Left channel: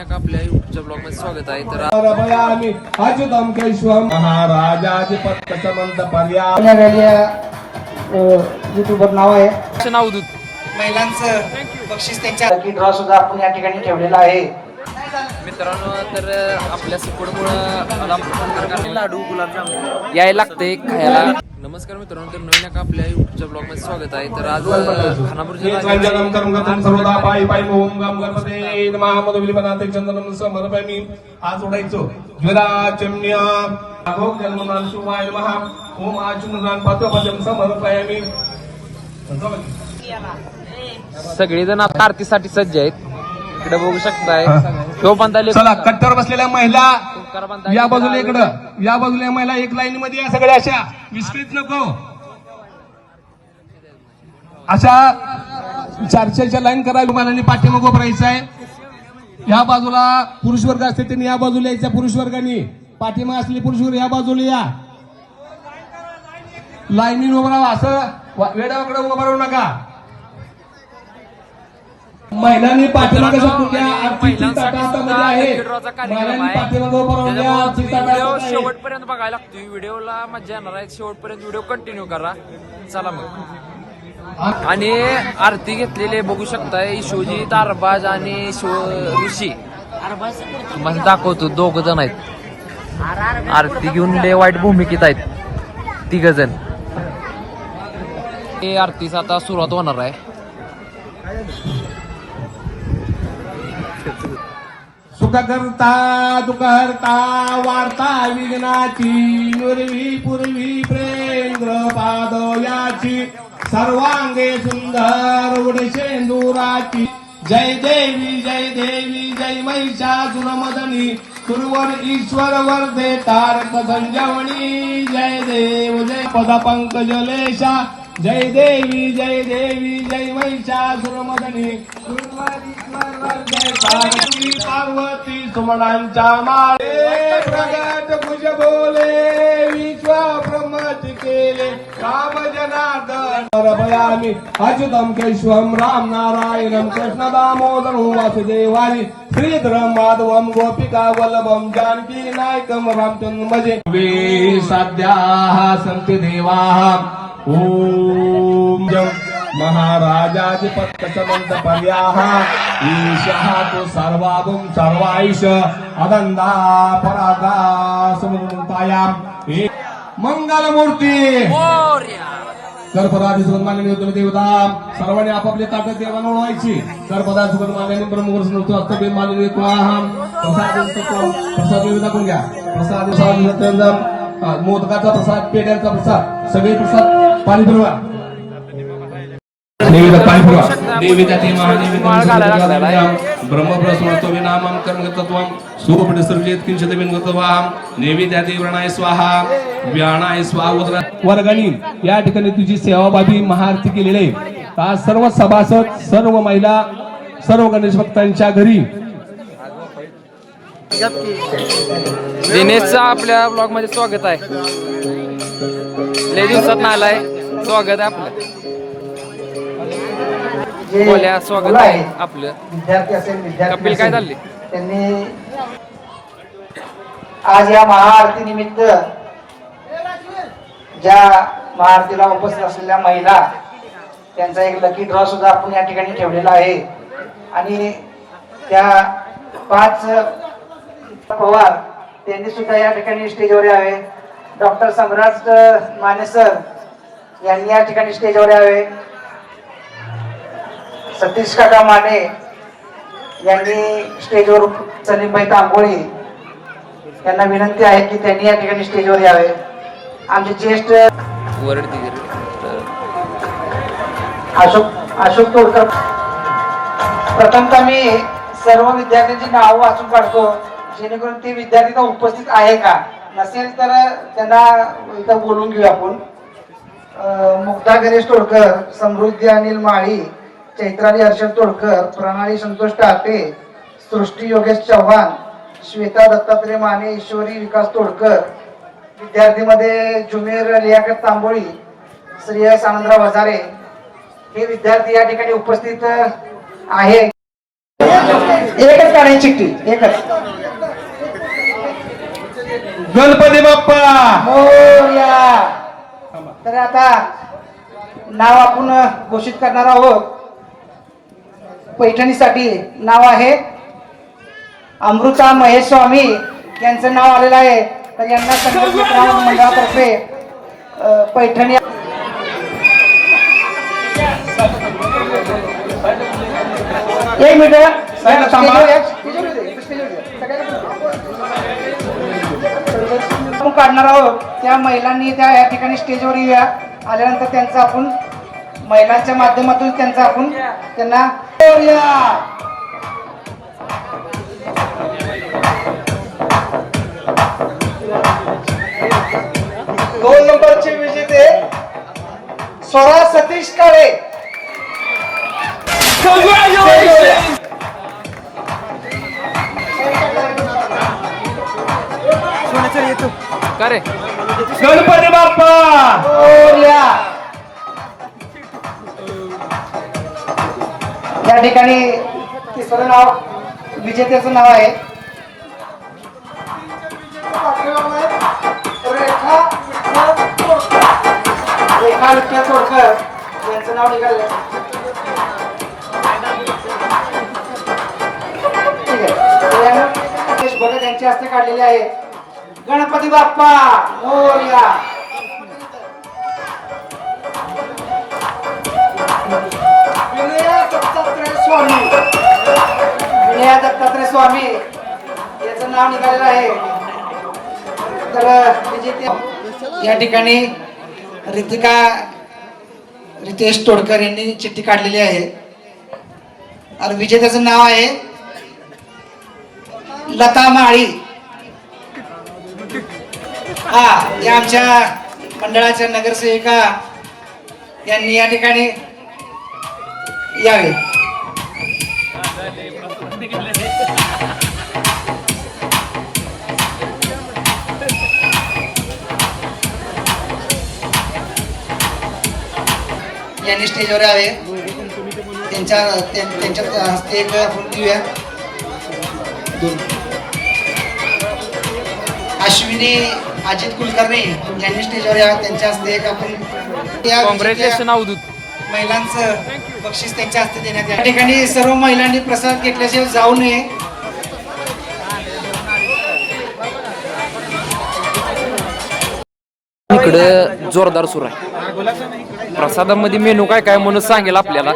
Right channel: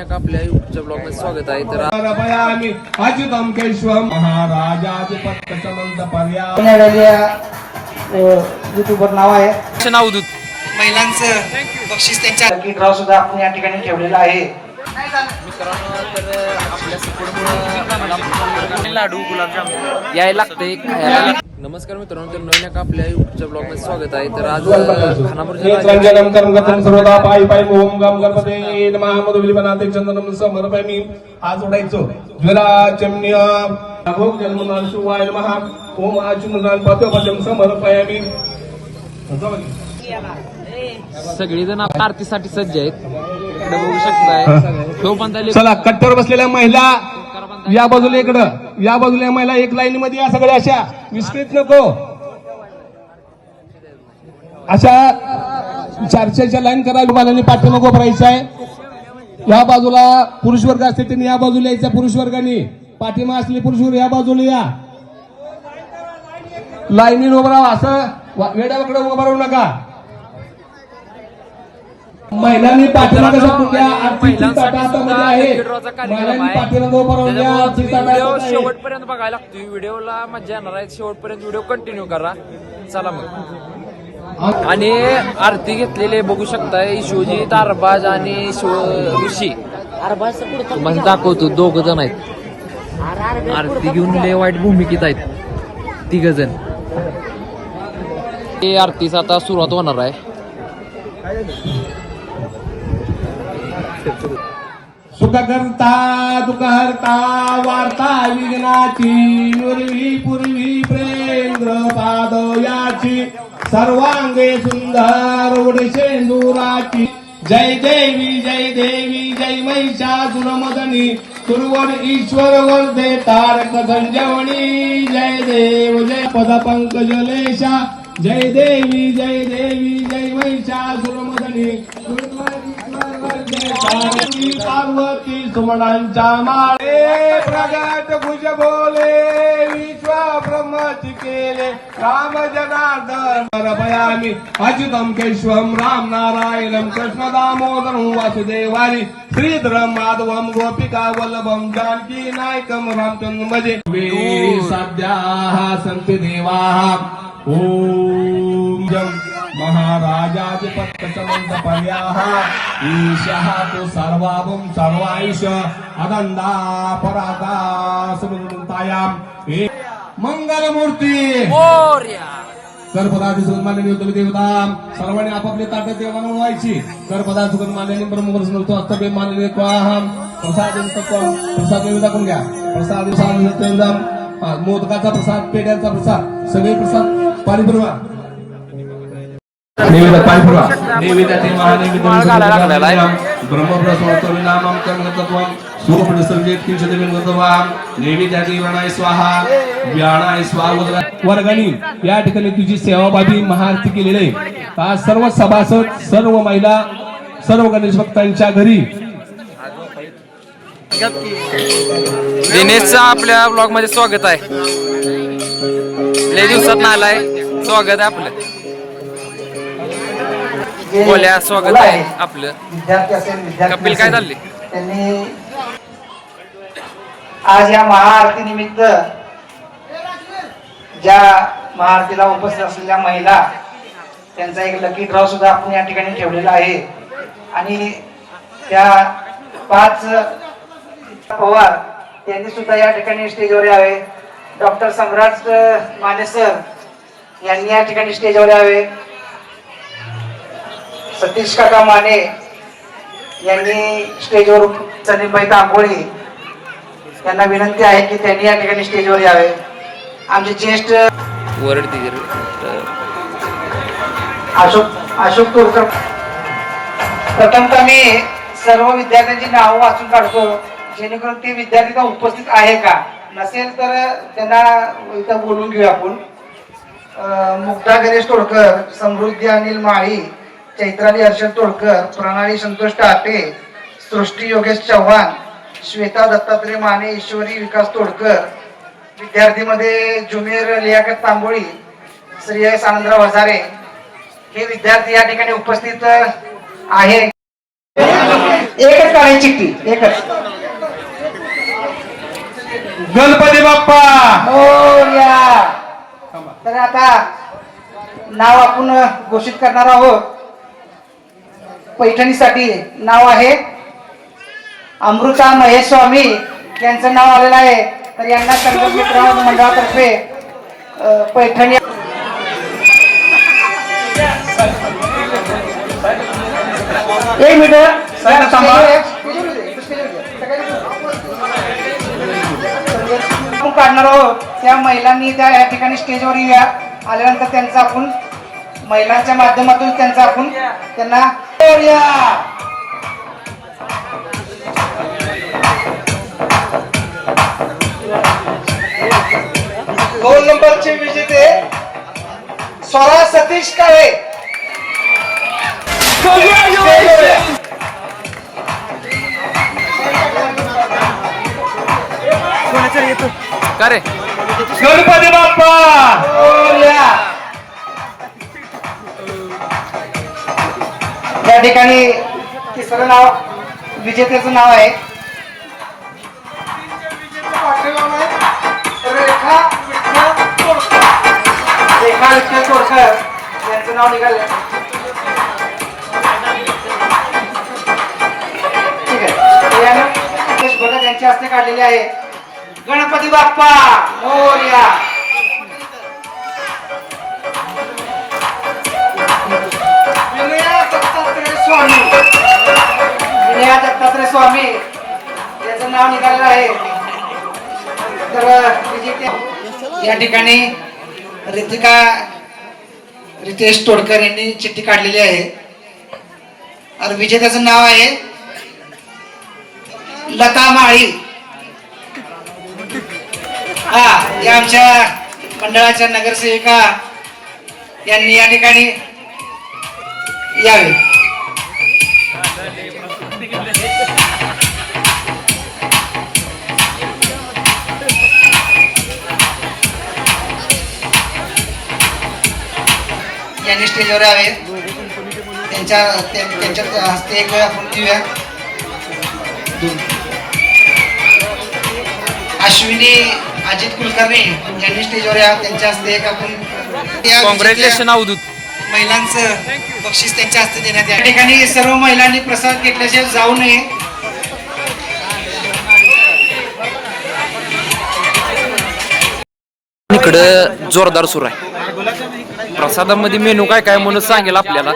आपल्या युट्यूबच्या ब्लॉग मध्ये स्वागत आहे. तर युट्यूबर नाव आहे नावदूत महिलांचं बक्षीस त्यांच्या लकी ड्रॉ सुद्धा आपण या ठिकाणी ठेवलेला आहे. मित्रांनो, तर आपल्या सपोर्टमुळे लाडू गुलाबजाम यायला लागते खायला. नमस्कार मित्रांनो, तर नवीन एका आपल्या युट्यूबच्या ब्लॉग मध्ये स्वागत आहे. तर आज खानापूर आज ओढायचो ज्वराचम्य अघोग जन्मनान शिवाय नमः ओम आचुमनान पातोपजम समर्पयामि. सगळेजण आता आरतीसाठी सज्ज आहेत. इकडे बघू शकताय तो बांधाले. चला, कट्टर बसलेल्या महिला या बाजूला, इकडं या बाजूला महिला एक लाईन मध्ये या. सगळ्या अशा विस्कृत नको, अशा चारशेच्या लाईन करा. लोकांनी पाठीमागो भरायचं आहे. या बाजूला पुरुष वर्ग असते त्यांनी या बाजूला यायच्या. पुरुष वर्गाने पाठीमाग असलेले पुरुष वर्ग या बाजूला या. लाईनीन उभं राहा. असं वेडाकडे उभं राहू नका. महिलांनी पाठीमागे शेवटपर्यंत बघायला लागतो. व्हिडिओला मजा येणार आहे. शेवटपर्यंत व्हिडिओ कंटिन्यू करा. चला मग. आणि आरती घेतलेले बघू शकताय शिवजी तारबाज आणि ऋषी म्हणजे दाखवतो. दोघ जण आहेत आरती घेऊन लय वाईट भूमिकेत आहेत तिघ जण. हे आरतीचा आता सुरुवात होणार आहे. सुख करता दुःख हरता वार्ता विघ्नाची नुरवी पूर्वी प्रेंद्र पादयाची सर्वांगे सुंदर उडशेंदुराची. जय देवी जय महिषासुरमर्दिनी सुरवर ईश्वर वर्धे तारक संजीवनी. जय देव जय पद पंकजलेशा. जय देवी जय महिषासुरमर्दिनी सुरवर ईश्वर वर्धे तारकी पार्वती सुमनांच्या माळे. प्रगट भुज बोले विश्व ब्रह्मचिके राम जनार्दन भयामी अच्युतम केशवम राम नारायणम कृष्ण दामोदरम वासुदेवारी श्रीधरम माधवम गोपिका वल्लभम जानकी नायकम रामचंद्र भजे. सद्याः सन्ति देवाः ओम महाराजाधिपत्य समंत पर्याः ईशः तो सर्वाभूम सर्वाईश अदंदा परादा समुदायाम मंगलमूर्ती कर्पदादी सुगंध मानलेली होते देवता. सर्वांनी आपापले ताटत देवांना ओळखायची. कर्पदा सुगंध मानलेली ब्रह्मगुरु हस्तबे मानलेले क्वाहम प्रसाद देवता कोण घ्या. प्रसाद मोदकाचा प्रसाद, पेढ्यांचा प्रसाद, सगळे प्रसाद पाणी फिरवा. नैवेद्य पाणी फिरवा. नैवेद्यातील महानैवेद्य ब्रह्मप्रस्वतो विनामं कर्मतत्वं सूर्यप्रसर्जित किंचित विनगतवाम. नैवेद्यातील व्रणाय स्वाहा व्याणाय स्वाहा. वर्गणी या ठिकाणी तुझी सेवाभावी महाआरती केलेली आहे. आज सर्व सभासद, सर्व महिला, सर्व गणेश भक्तांच्या घरी दिनेशचं आपल्या ब्लॉग मध्ये स्वागत आहे. लय दिवसात ना आलाय. स्वागत आहे आपलं. बोल्या स्वागत आहे आपलं. विद्यार्थी असेल कपिल काय चालले. त्यांनी आज या महाआरती निमित्त ज्या महाआरतीला उपस्थित असलेल्या महिला त्यांचा एक लकी ड्रॉ सुद्धा आपण या ठिकाणी ठेवलेला आहे. आणि त्या 5 पवार त्यांनी सुद्धा या ठिकाणी स्टेजवर यावे. डॉक्टर सम्राट माने सर यांनी या ठिकाणी स्टेजवर यावे. सतीश काका माने यांनी स्टेजवर. सलीमबाई तांबोळी यांना विनंती आहे की त्यांनी या ठिकाणी स्टेजवर यावे. आमचे ज्येष्ठ अशोक तोडकर. प्रथमतः मी सर्व विद्यार्थ्यांची नावं वाचून काढतो जेणेकरून ते विद्यार्थी का उपस्थित आहे का. नसेल तर त्यांना इथं बोलून घेऊया आपण. मुक्ता गणेश तोडकर, समृद्धी अनिल माळी, चैत्राली हर्षद तोडकर, प्रणाली संतोष टाटे, सृष्टी योगेश चव्हाण, श्वेता दत्तात्रय माने, ईश्वरी विकास तोडकर. विद्यार्थीमध्ये ज्युनियर लियाकत तांबोळी, श्रेयस आनंदराव हजारे हे विद्यार्थी या ठिकाणी उपस्थित आहे. एकच काढायची चिठ्ठी एकच. गणपती बाप्पा मोरया. तर आता नाव आपण घोषित करणार आहोत. पैठणीसाठी नाव आहे अमृता महेश स्वामी यांचं नाव आलेलं आहे. तर यांना संगीत मित्र मंडळातर्फे पैठणी. एक मिनिट आपण काढणार आहोत. त्या महिलांनी त्या या ठिकाणी स्टेजवर येऊया. आल्यानंतर त्यांचा आपण महिलांच्या माध्यमातून त्यांचा आपण त्यांना बोलूया. 2 नंबरचे विजेते स्वरा सतीश काळे. का रे गणपती बाप्पा बोलूया. या ठिकाणी तिसरं नाव विजेत्याचं नाव आहे रेखा विठ्ठल तोडकर यांचं नाव निघालं. ठीक आहे. यांच्या हस्ते काढलेले आहे. गणपती बाप्पा मोरया. विनया दत्तात्रय स्वामी. विनया दत्तात्रय स्वामी याचं नाव निघालेलं आहे. तर या ठिकाणी रितेश तोडकर यांनी चिठ्ठी काढलेली आहे. आणि विजेत्याचं नाव आहे लता माळी. हा या आमच्या मंडळाच्या नगरसेविका यांनी या ठिकाणी यावे. यांनी स्टेजवर यावे. त्यांच्या हस्ते एक वेळ आपण घेऊया. अश्विनी अजित कुलकर्णी यांनी स्टेजवर या. त्यांच्या हस्ते एक आपण कॉंग्रॅच्युलेशन अवधूत. महिलांचं बक्षीस त्यांच्या हस्ते देण्यात या ठिकाणी सर्व महिलांनी प्रसाद घेतल्याशिवाय जाऊ नये. इकडं जोरदार सुरू आहे. प्रसादामध्ये मेनू काय काय म्हणून सांगेल आपल्याला.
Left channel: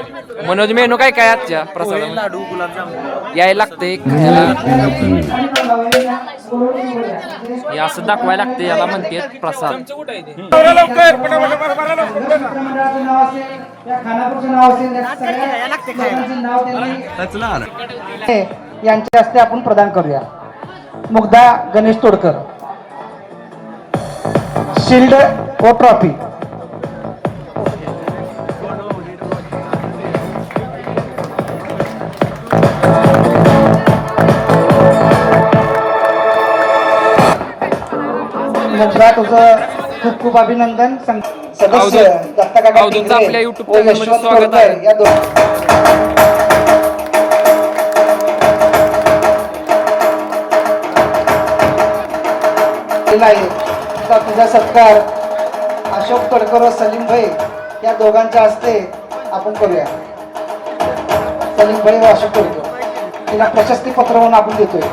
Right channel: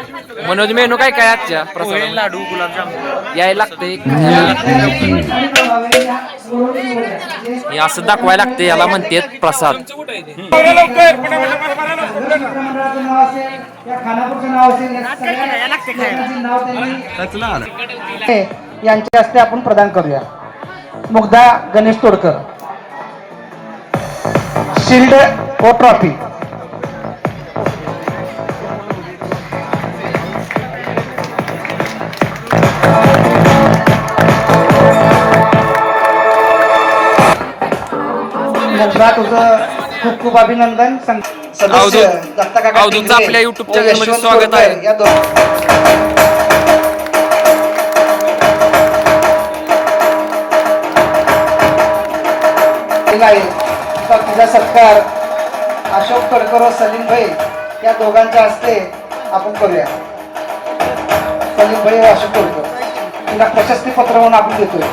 मनोज मेनू काय काय आजच्या प्रसादात? लाडू गुलाबजाम यायला लागते. हे असं दाखवायला लागते. याला म्हणतात प्रसाद. यांच्या हस्ते आपण प्रदान करूया. मुग्धा गणेश तोडकर शिल्ड व ट्रॉफी. तुझं खूप खूप अभिनंदन. सदस्य दत्ता काका अवधूतचं आपल्या YouTube चॅनलमध्ये स्वागत आहे. या तुझा सत्कार अशोक तडकर व सलीम भाई या दोघांच्या हस्ते आपण करूया. सलीम भाई व अशोक तडकर तिला प्रशस्ती पत्र म्हणून आपण देतोय.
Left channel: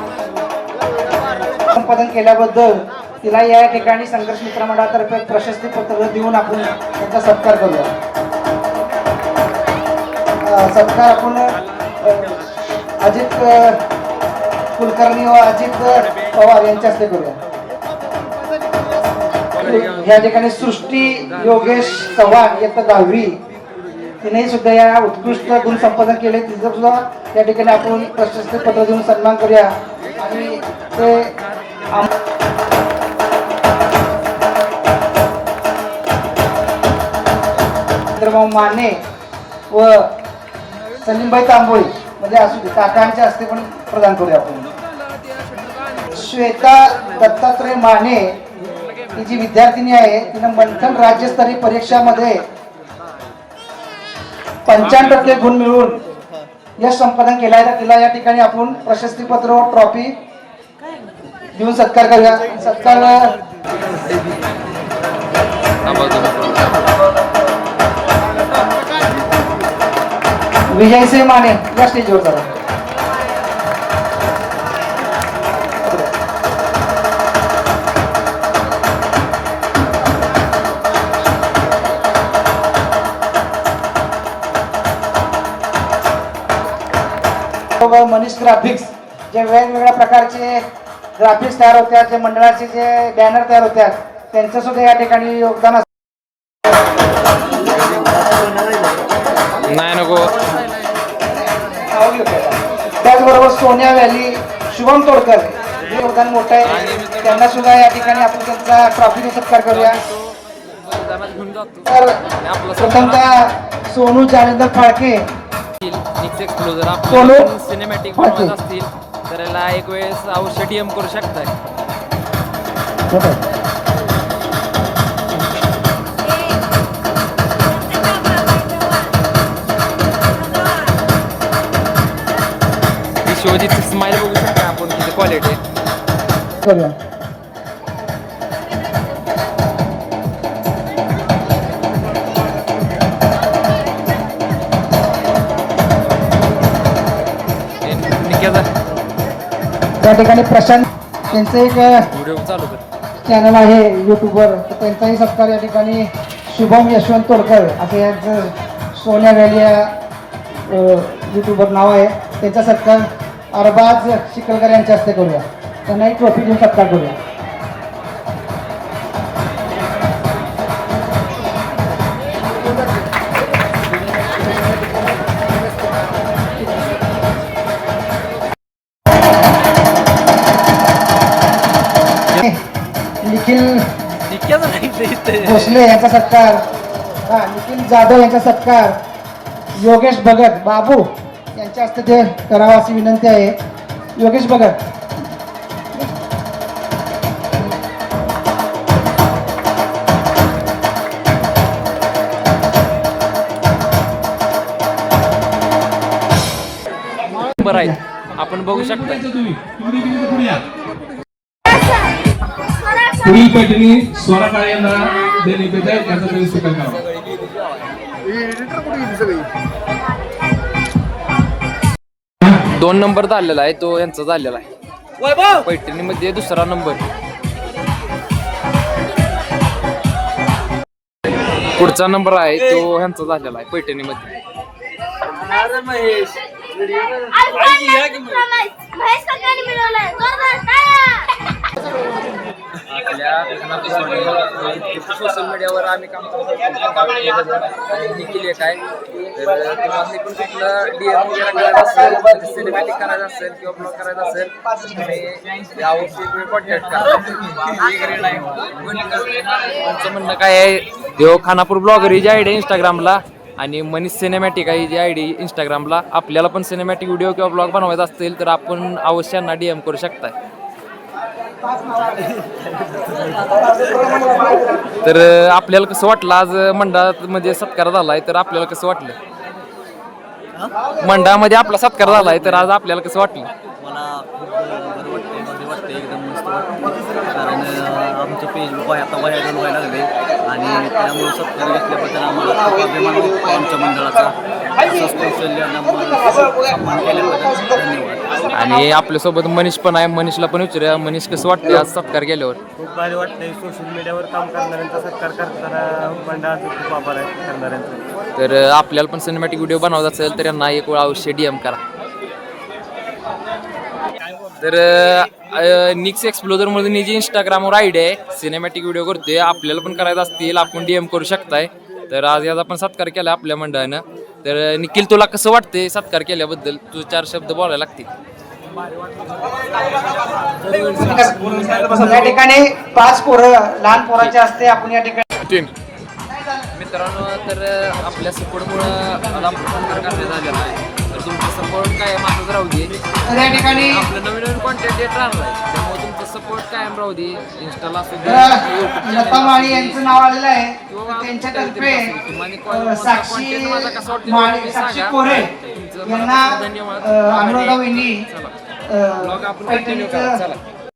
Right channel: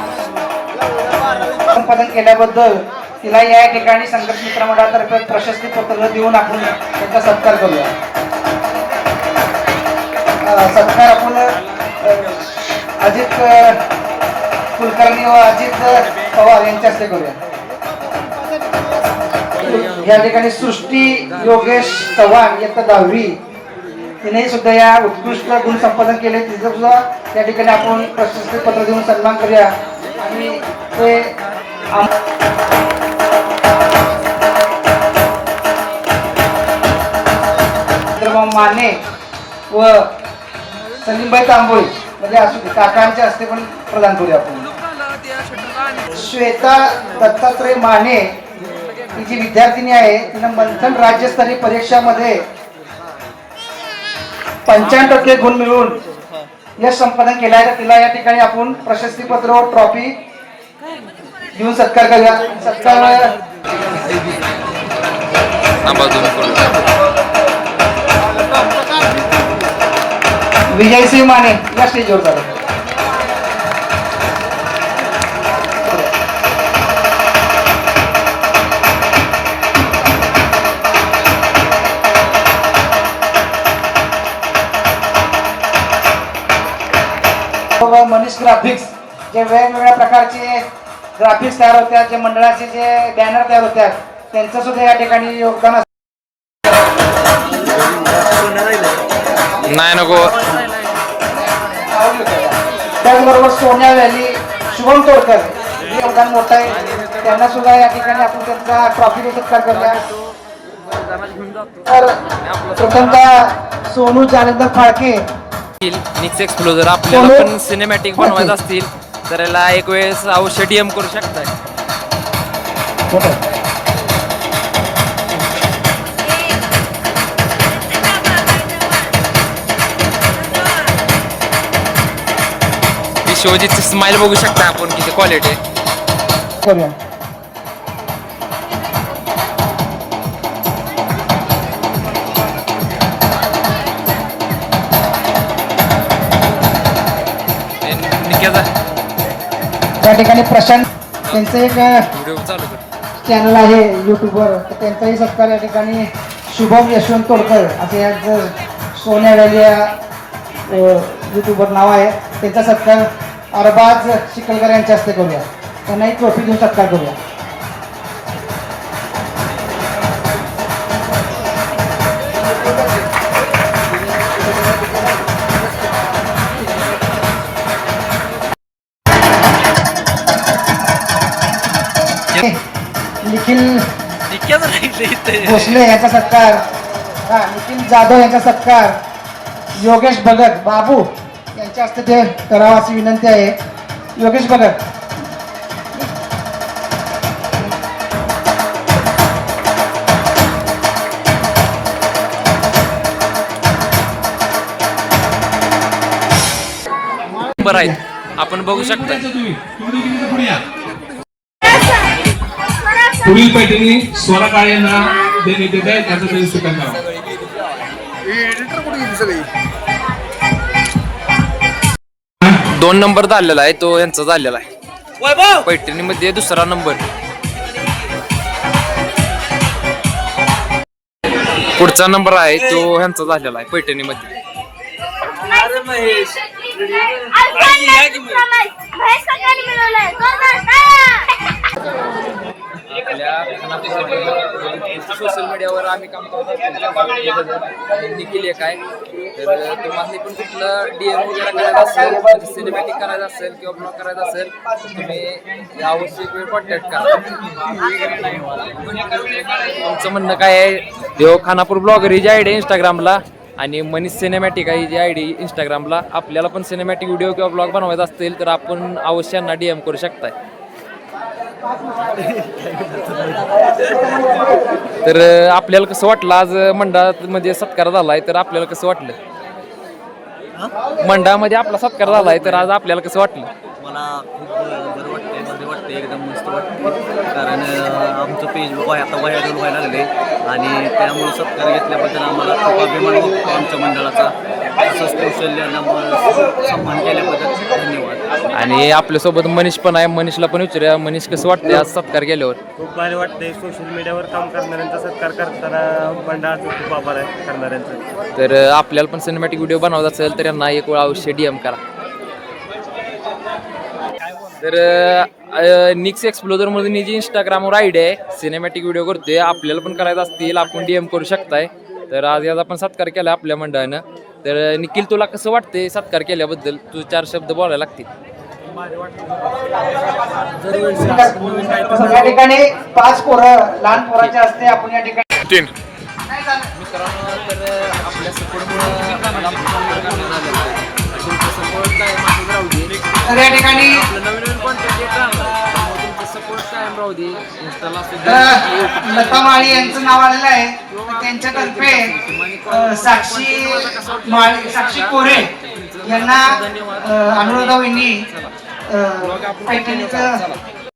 संपादन केल्याबद्दल तिला या ठिकाणी संघर्ष मित्र मंडळातर्फे प्रशस्ती पत्र देऊन आपण त्यांचा सत्कार करूया. सत्कार आपण अजित कुलकर्णी व अजित पवार यांच्या हस्ते करूया. या ठिकाणी सृष्टी योगेश चव्हाण इयत्ता 10वी तिने सुद्धा या उत्कृष्ट गुण संपादन केले. तिचं सुद्धा या ठिकाणी आपण प्रशस्ती पत्र देऊन सन्मान करूया. आणि ते माने व सलीमभाई तांबोळी म्हणजे असू काकांच्या हस्ते पण प्रदान करूया आपण. श्वेता दत्तात्रय माने ही जी विद्यार्थिनी आहे तिनं मंथन राज्यस्तरीय परीक्षामध्ये 95% गुण मिळवून यश संपादन केलं आहे तर तिला या ठिकाणी आपण प्रशस्तीपत्र व ट्रॉफी देऊन सत्कार करूया. सत्कार विजयसिंह माने या स्टेजवर झाले. मनीष ग्राफिक्स जे वेगवेगळ्या प्रकारचे ग्राफिक्स तयार होतात, जे मंडळाचे जे बॅनर तयार होतात, त्यांचं सुद्धा या ठिकाणी योगदान असतं. नाही नको. त्याचबरोबर सोन्या व्हॅली शुभम तोडकर हे योगदान मोठं आहे, त्यांना सुद्धा या ठिकाणी आपण त्यांचा ट्रॉफी सत्कार करूया. तर प्रथमतः सोनू जालिंदर फाळके निक्स एक्सप्लोजर आपल्याला पण सिनेमॅटिक बनवायचं असतील तर याला एक वेळेस अवश्य DM करू शकताय. शिवजीची स्माइल बघू शकता आपण किती क्वालिटी करूया. त्या ठिकाणी प्रशांत त्यांचं एक व्हिडिओ चालू कर. चॅनल आहे युट्यूबवर, त्यांचाही सत्कार या ठिकाणी शुभम यशवंत तोडकर असं यांचं सोन्या व्हॅली या युट्यूबवर नाव आहे. त्यांचा सत्कार अरबाज चिखलकर यांच्या हस्ते करूया. त्यांना एक ट्रॉफी देऊन सत्कार करूया. निखिल भोसले यांचा सत्कार, निखिल जाधव यांचा सत्कार, योगेश भगत बाबू यांच्या हस्ते ते करावं अशी विनंती आहे. योगेश भगत. बरं आहे आपण बघू शकता. पुढील पैठणी स्वरा काळे यांना देण्यात येत आहे, त्याचा त्यांनी स्वीकार करावा. 2 नंबर झालेला आहे तो यांचा झालेला आहे पैठणीमध्ये 2रा नंबर. पुढचा नंबर आहे तो ह्यांचा झालेला आहे पैठणीमध्ये. सोशल मीडियावर आम्ही काम करत असतो. निखिल एक आहे तर तुम्हाला पण कुठलं DM वगैरे करायचं असेल, म्हणजे सिनेमॅटिक करायचं असेल किंवा ब्लॉग करायचा असेल तुम्ही आवश्यक वेळ कॉन्टॅक्ट करा. तुमचं म्हणणं काय आहे? देव खानापूर ब्लॉगर ही जी ID इंस्टाग्रामला आणि मनीष सिनेमॅटिक आहे जी ID इंस्टाग्रामला. आपल्याला पण सिनेमॅटिक व्हिडिओ किंवा ब्लॉग बनवायचा असतील तर आपण अवश्य यांना DM करू शकताय. तर आपल्याला कसं वाटलं आज मंडळामध्ये सत्कार झालाय तर आपल्याला कसं वाटलं? मंडळामध्ये आपला सत्कार झालाय तर आज आपल्याला कसं वाटलं? मला खूप बरं वाटतंय, भारी वाटतंय, एकदम मस्त वाटते. कारण आमचं पेज आता व्हायरल व्हायला लागले आणि त्यामुळे सत्कार घेतल्याबद्दल आम्हाला खूप अभिमान वाटतो आमच्या मंडळाचा. असंच कौशल्यांना सन्मान केल्याबद्दल धन्यवाद. आणि आपल्यासोबत मनीष पण आहे, मनीषला पण विचारूया. मनीष कसं वाटतंय आज सत्कार केल्यावर? खूप भारी वाटतंय. सोशल मीडियावर काम करणाऱ्यांचा सत्कार करताना मंडळाचं खूप आभार आहे करणाऱ्यांचं. तर आपल्याला पण सिनेमॅटिक व्हिडिओ बनवायचा असेल तर यांना एक वेळ अवश्य DM करा. तर निक्स एक्सप्लोजर मधून जी इंस्टाग्रामवर ID आहे सिनेमॅटिक व्हिडिओ करतोय, आपल्याला पण करायचं असतील आपण DM करू शकताय. तर आज याचा पण सत्कार केला आपल्या मंडळानं. तर निखिल तुला कसं वाटतंय सत्कार केल्याबद्दल? तू 4 शब्द बोलायला लागतील. या ठिकाणी 5 पोरं लहान पोरांच्या हस्ते आपण या ठिकाणी 3 मित्रांनो. तर आपल्या सपोर्टमुळं मला झालेला आहे. तुमचा सपोर्ट काय माझं राहू दे. तर या ठिकाणी आपलं नवीन कॉन्टेंट येत राहणार त्यामुळे तुमचा सपोर्ट कायम राहू दे. इंस्टाला लता माळी यांचं नाव आलेलं आहे. त्यांच्यातर्फे साक्षी कोरे तुमचं यांना मनापासून धन्यवाद. अनुराधा वहिनी चला ब्लॉग आपण कंटिन्यू करा. चला